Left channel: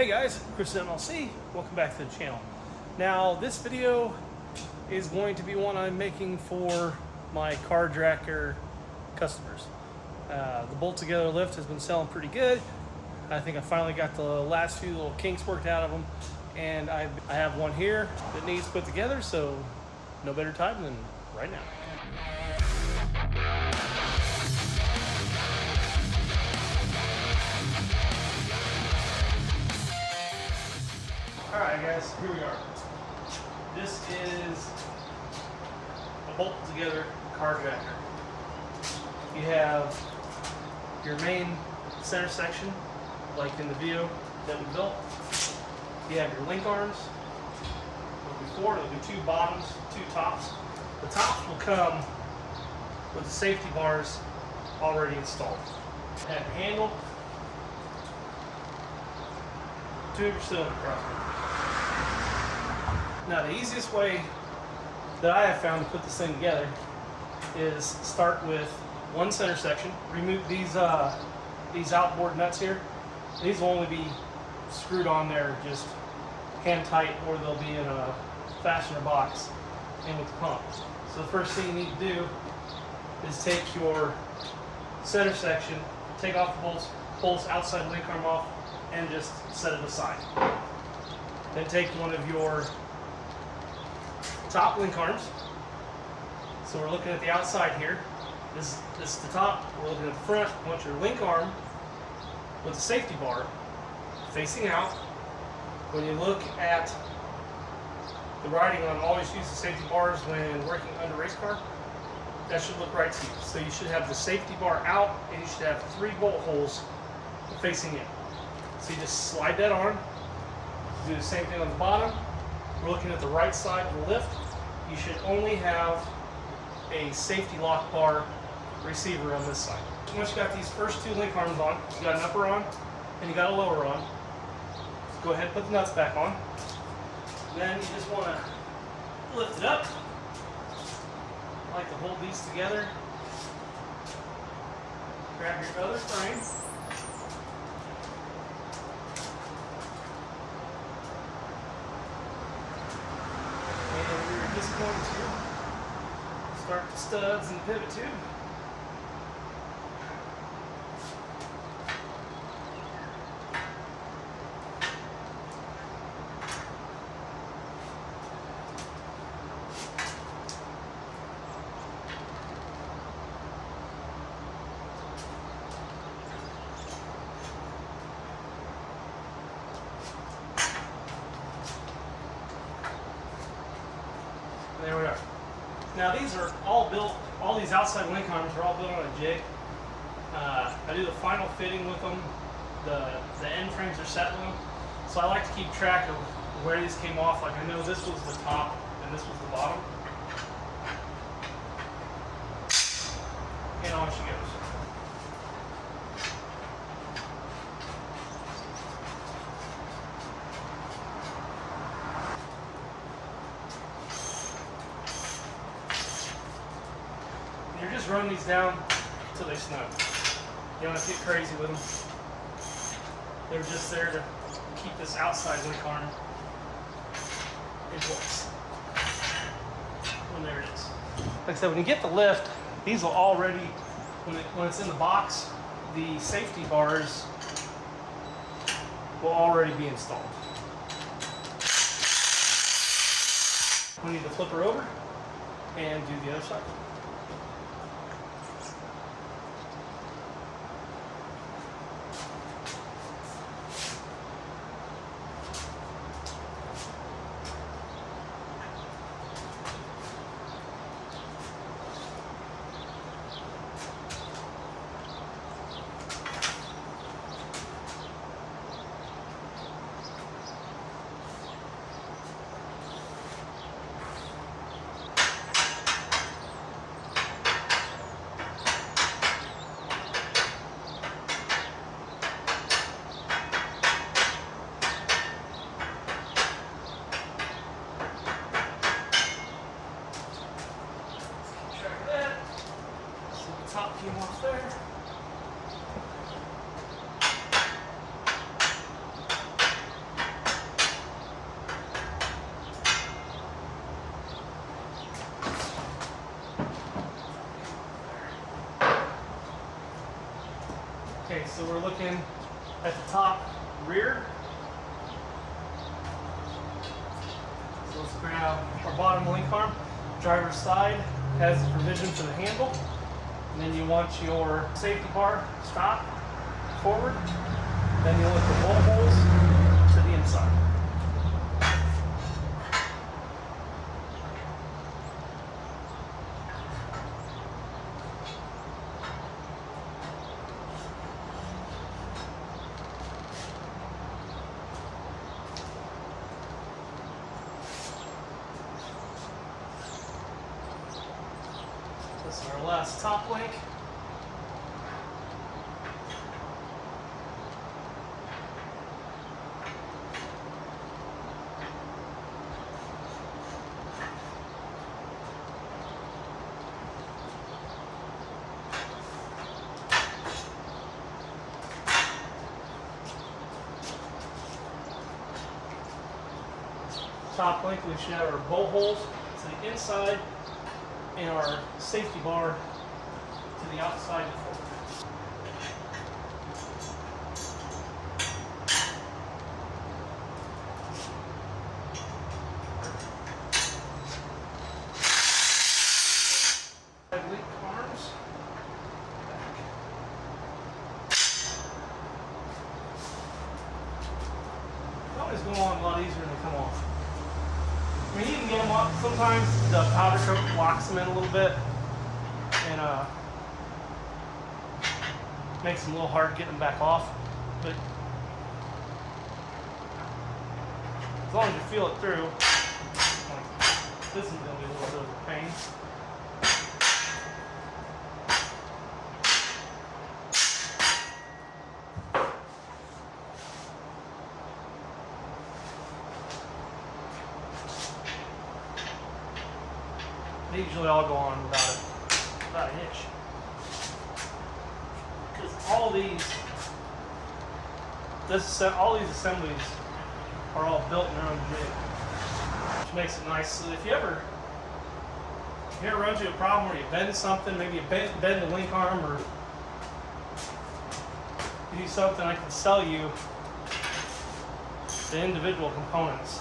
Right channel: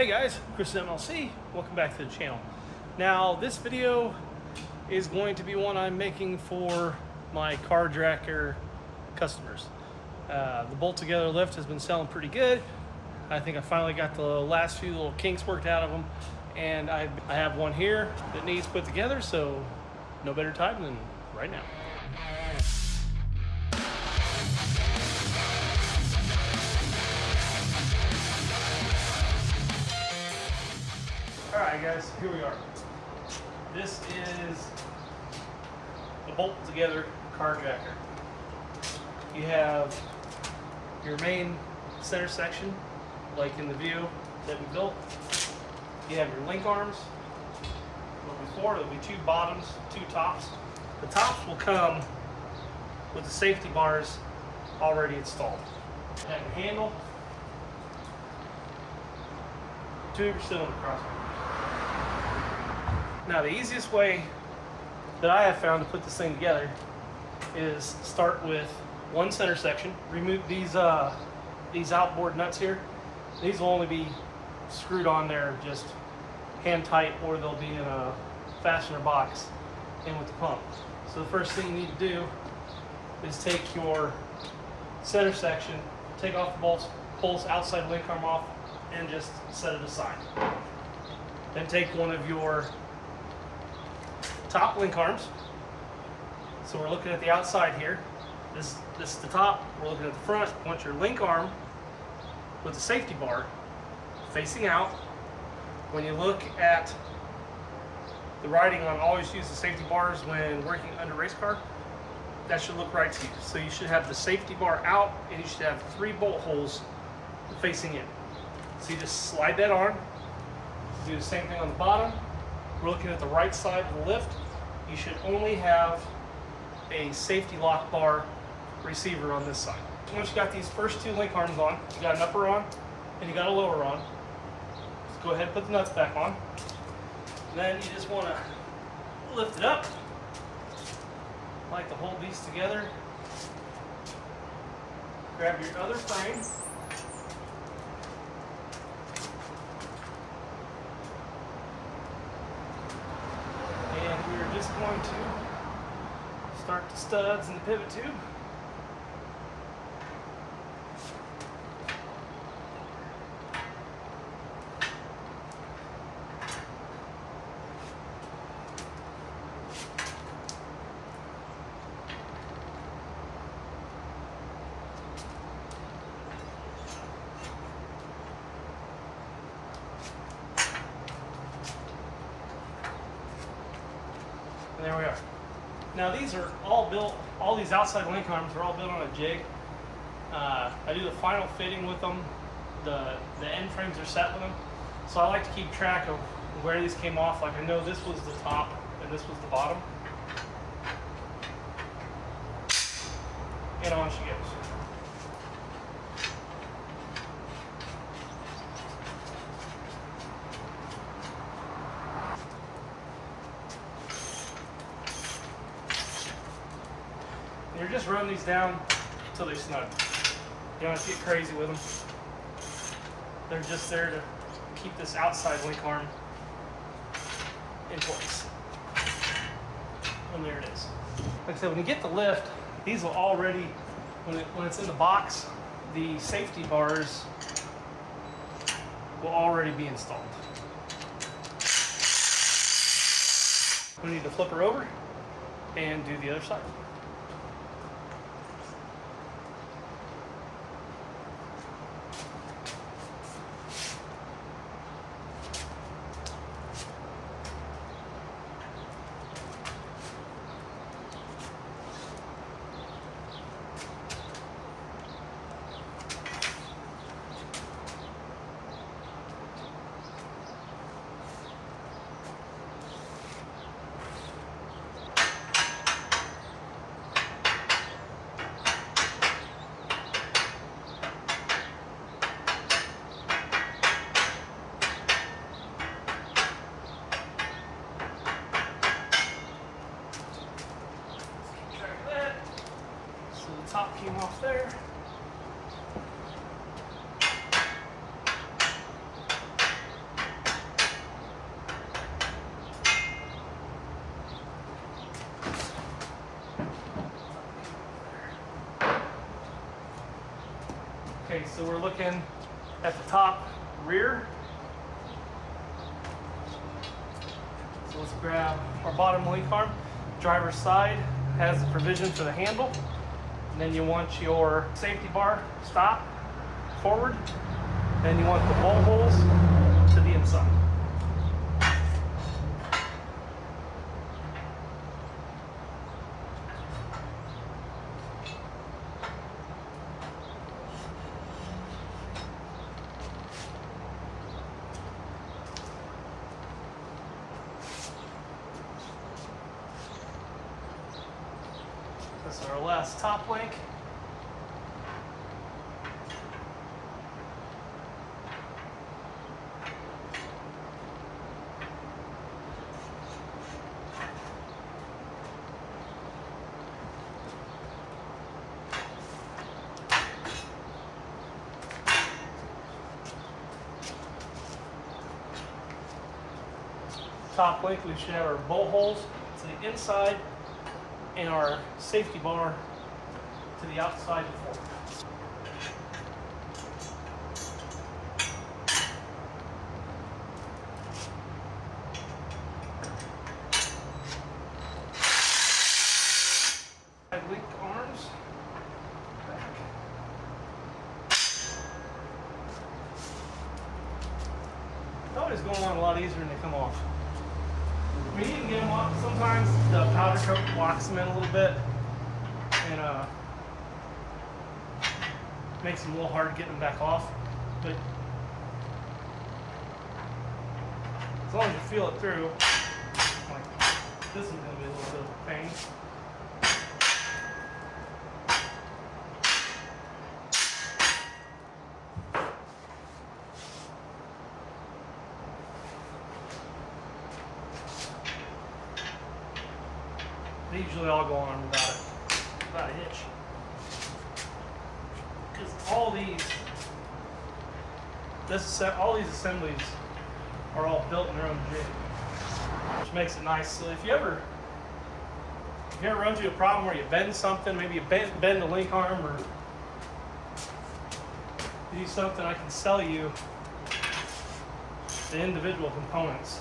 Hey guys, Chris MLC. Welcome back to the channel. Now this video is going to be one I'm making for my CarJacker customers. The bolt together lift has been selling pretty good. I think I finally got the last few little kinks worked out of them, and I have one here that needs put together, so no better time than right now. Alright guys, here we are. This is a bolt together CarJacker. You have your main center section, like in the video that we built. You have your link arms. Well, before there'll be two bottoms, two tops. The tops will come with the safety bars already installed. You have your handle, two of your cylinder crossbar. Now the easiest way that I have found to put this thing together is start with one center section, remove these outboard nuts here. These will only be screwed on there just hand tight, or they'll be in a fastener box in with the pump. So the first thing you need to do is take your center section, take off the bolts, pull this outside link arm off, and just set it aside. Then take one of your top link arms. So we're looking at the outside here. This is the top. We're looking at the front. I want your link arm with the safety bar facing out. When you look at the writing on always use the safety bars when working under race car, that should look right to you. So you should have the safety bar out, and you should have 3 bolt holes facing in. So you just slide that on. Do the same thing on the bottom. We're looking at the right side of the lift. You should only have a safety lock bar receiver on this side. Once you got these first 2 link arms on, you got an upper on and you got a lower on. Just go ahead and put the nuts back on. Then you just want to lift it up. I like to hold these together. Grab your other frame. We're just going to start the studs and the pivot tube. And there we are. Now these are all built, all these outside link arms are all built on a jig. I do the final fitting with them. The end frames are set with them. So I like to keep track of where these came off. Like I know this was the top and this was the bottom. And on she goes. You're just running these down until they snug. You don't have to get crazy with them. They're just there to keep this outside link arm in place. And there it is. Like I said, when you get the lift, these will already, when it's in the box, the safety bars will already be installed. We need to flip her over and do the other side. Okay, so we're looking at the top rear. So let's grab our bottom link arm. Driver's side has the provision for the handle. And then you want your safety bar stop forward. Then you want the bolt holes to the inside. This is our last top link. Top link, we should have our bolt holes to the inside and our safety bar to the outside and forward. Link arms back. Always go on a lot easier than they come off. We need to get them up. Sometimes the powder coat locks them in a little bit and makes them a little hard getting them back off. But as long as you feel it through, this is going to be a little bit of a pain. They usually all go on without a hitch. Because all these assemblies are all built in their own jig, which makes it nice. So if you ever run into a problem where you bend something, maybe you bend the link arm or you do something, I can sell you the individual components,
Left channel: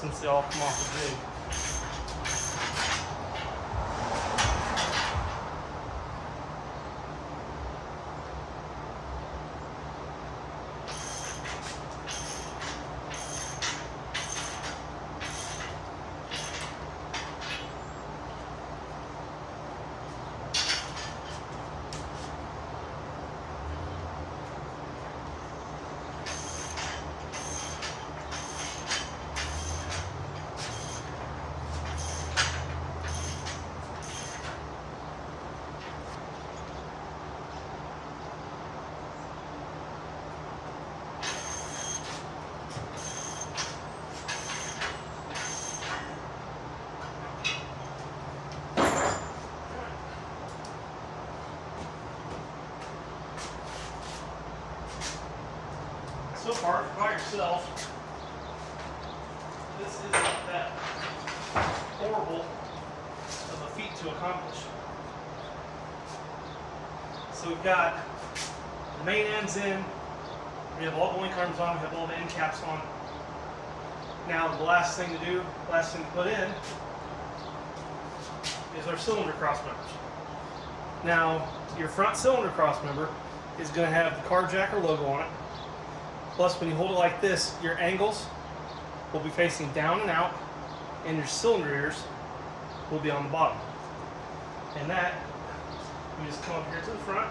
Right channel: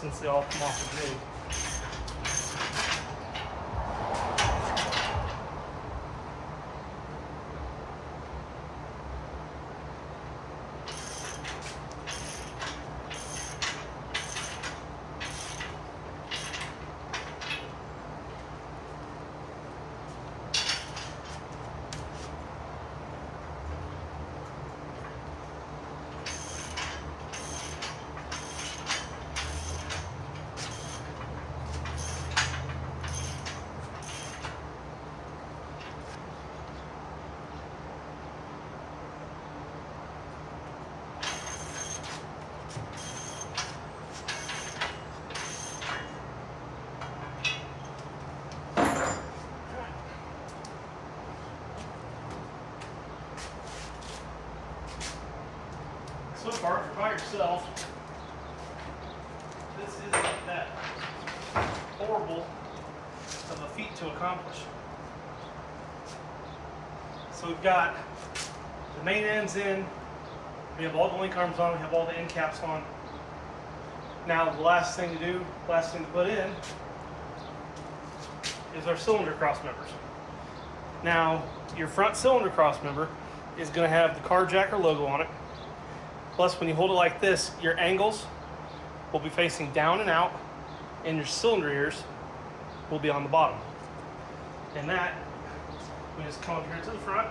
since they all come off the jig. So far, if you're by yourself, this isn't that horrible of a feat to accomplish. So we've got the main ends in, we have all the link arms on, we have all the end caps on. Now the last thing to put in is our cylinder cross members. Now your front cylinder cross member is going to have the CarJacker logo on it. Plus, when you hold it like this, your angles will be facing down and out, and your cylinder ears will be on the bottom. And that, we just come up here to the front.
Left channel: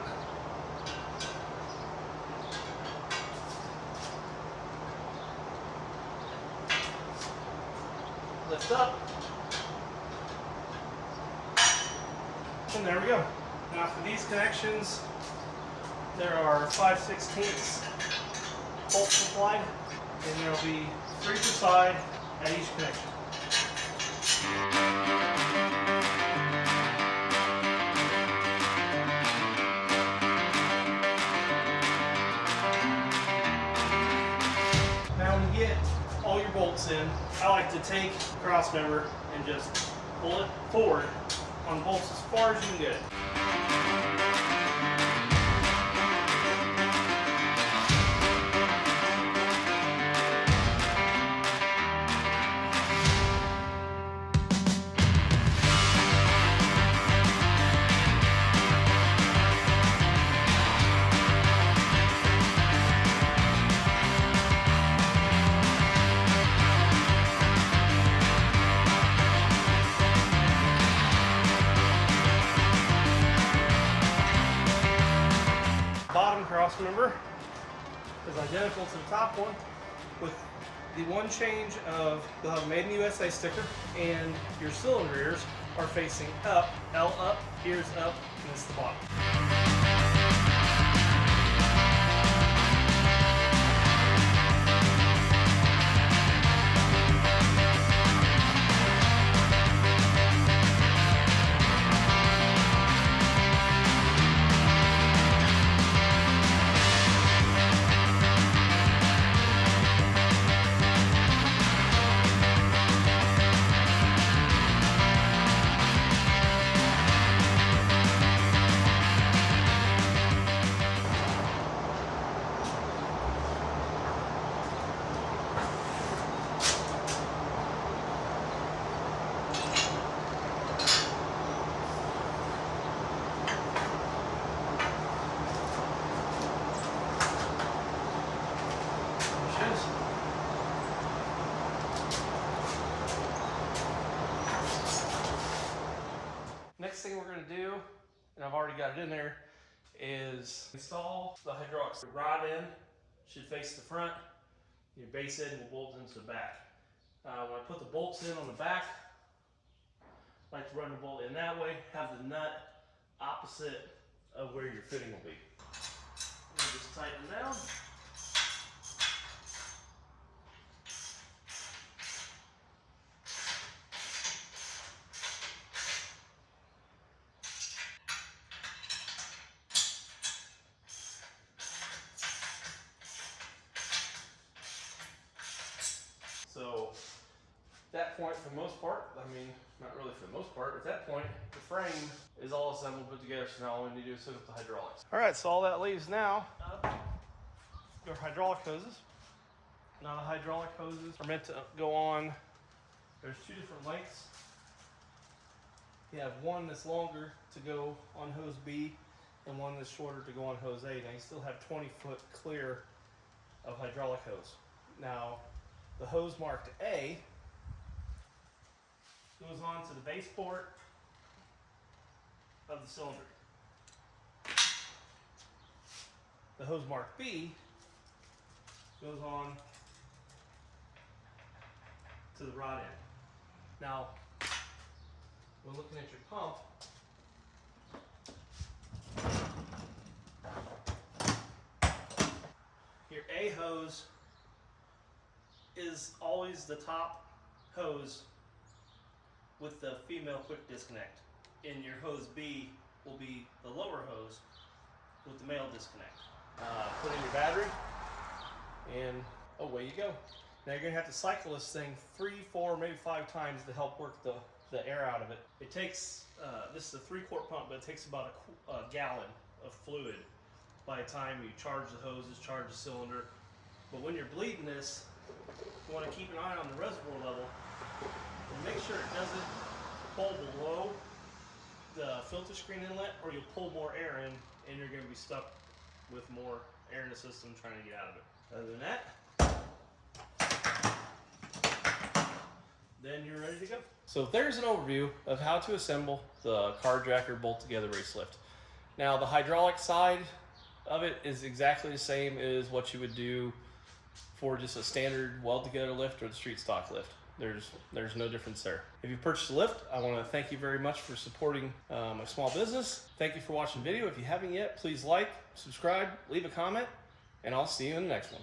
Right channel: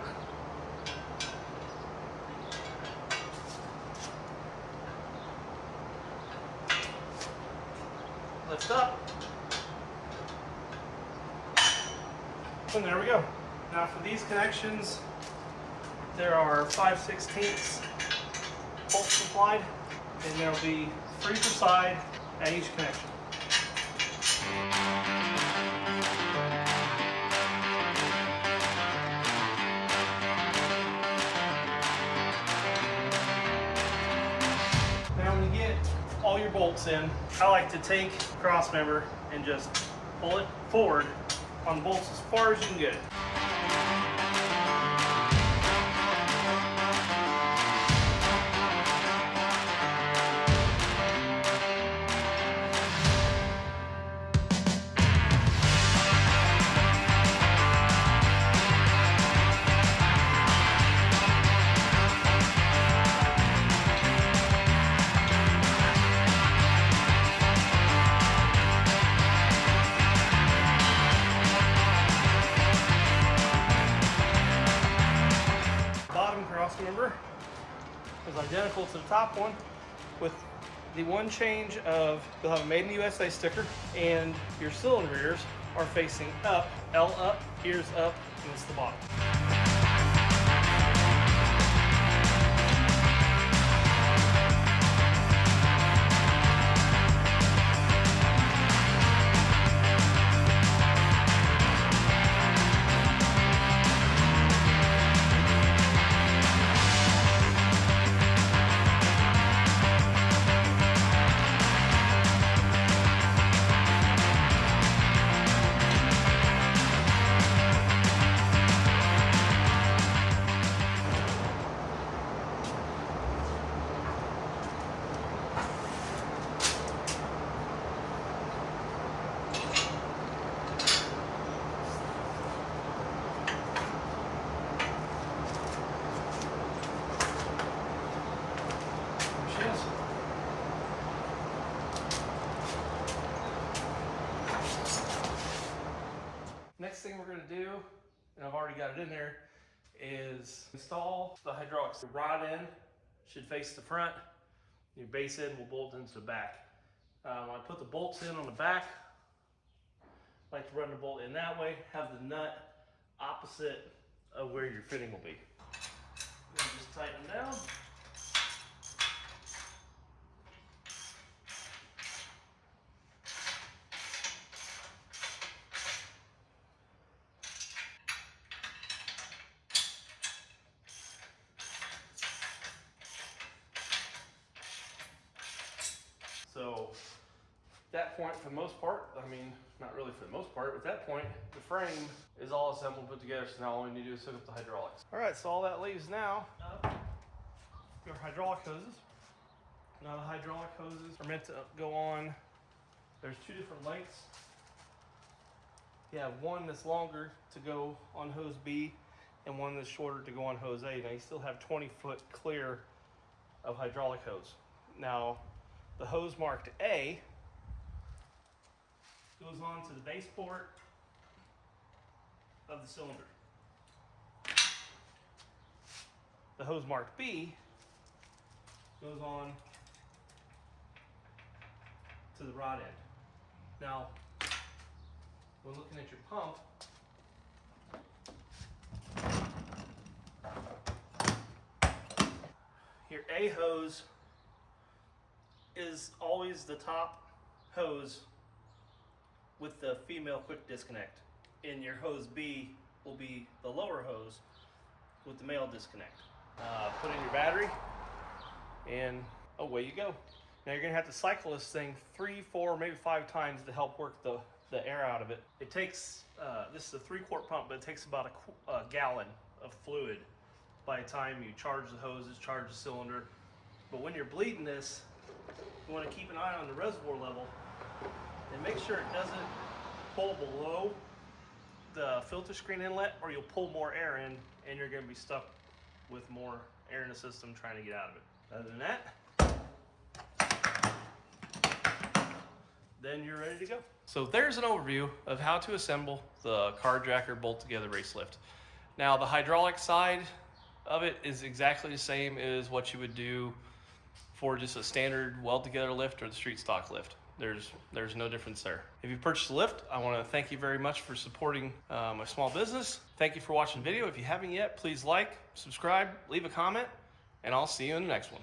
Lift up. And there we go. Now for these connections, there are 5/16 bolts supplied, and there will be 3 per side at each connection. Now when you get all your bolts in, I like to take the cross member and just pull it forward on bolts as far as you can get it. is identical to the top one, with the one change of they'll have a Made in the USA sticker, and your cylinder ears are facing up, L up, ears up, and it's the bottom. Next thing we're going to do, and I've already got it in there, is install the hydraulics. The rod end should face the front. Your base end will bolt into the back. When I put the bolts in on the back, I like to run the bolt in that way, have the nut opposite of where your fitting will be. And just tighten it down. So at that point, for the most part, I mean, not really for the most part, at that point, the frame is all assembled and put together, so now all we need to do is hook up the hydraulics. All right, so all that leaves now your hydraulic hoses. Now the hydraulic hoses are meant to go on, there's two different lengths. You have one that's longer to go on hose B and one that's shorter to go on hose A. Now you still have 20 foot clear of hydraulic hose. Now, the hose marked A goes on to the base port of the cylinder. The hose marked B goes on to the rod end. Now, when looking at your pump, your A hose is always the top hose with the female quick disconnect, and your hose B will be the lower hose with the male disconnect. Put in your battery and away you go. Now you're gonna have to cycle this thing 3, 4, maybe 5 times to help work the air out of it. It takes, this is a 3-quart pump, but it takes about a gallon of fluid by the time you charge the hoses, charge the cylinder. But when you're bleeding this, you want to keep an eye on the reservoir level and make sure it doesn't pull below the filter screen inlet, or you'll pull more air in and you're going to be stuck with more air in the system trying to get out of it. Other than that, then you're ready to go. So there's an overview of how to assemble the CarJacker bolt together race lift. Now the hydraulic side of it is exactly the same as what you would do for just a standard weld together lift or the street stock lift. There's no difference there. If you purchased a lift, I want to thank you very much for supporting my small business. Thank you for watching the video. If you haven't yet, please like, subscribe, leave a comment, and I'll see you in the next one.